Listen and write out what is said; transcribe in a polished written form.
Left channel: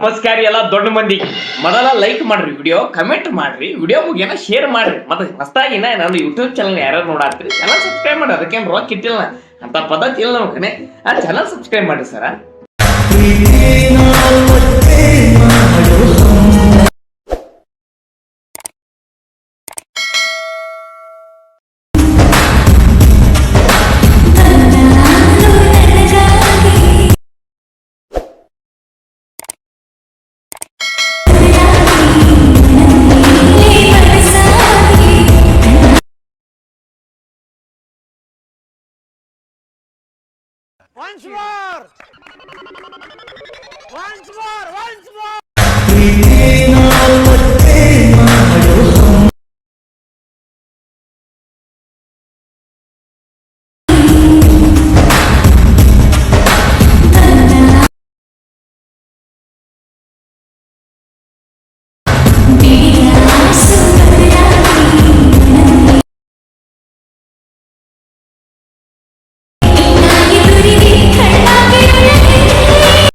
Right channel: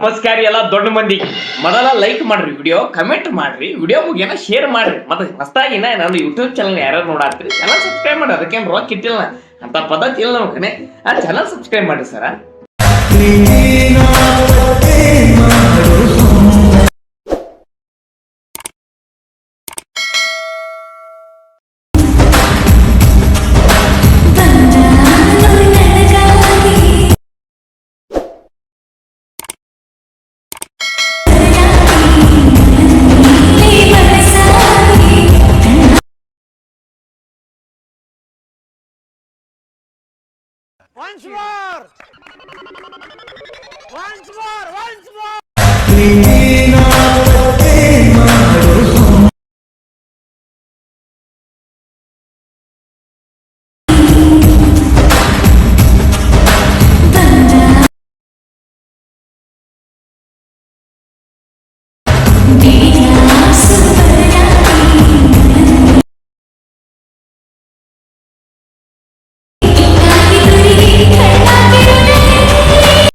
ನಮಸ್ಕಾರ ಎಲ್ಲ ದೊಡ್ಡ ಮಂದಿ ಮೊದಲ ಲೈಕ್ ಮಾಡ್ರಿ ವಿಡಿಯೋ ಕಮೆಂಟ್ ಮಾಡ್ರಿ ವಿಡಿಯೋ ಮುಗಿಯನ ಶೇರ್ ಮಾಡ್ರಿ ಮತ್ತೆ ಹೊಸದಾಗಿ ನಾನು ಯೂಟ್ಯೂಬ್ ಚಾನಲ್ ಯಾರು ನೋಡಾತ್ರಿ ಚಾನಲ್ ಸಬ್ಸ್ಕ್ರೈಬ್ ಮಾಡ್ರಿ ಅದಕ್ಕೇನು ರೊಕ್ಕ ಇಟ್ಟಿಲ್ಲ ಅಂತ ಪದ್ಧತಿ ಇಲ್ಲ ನಮ್ಮ ಕಡೆ ಆ ಚಾನಲ್ ಸಬ್ಸ್ಕ್ರೈಬ್ ಮಾಡ್ರಿ ಸರ Once more! Once more! Once more!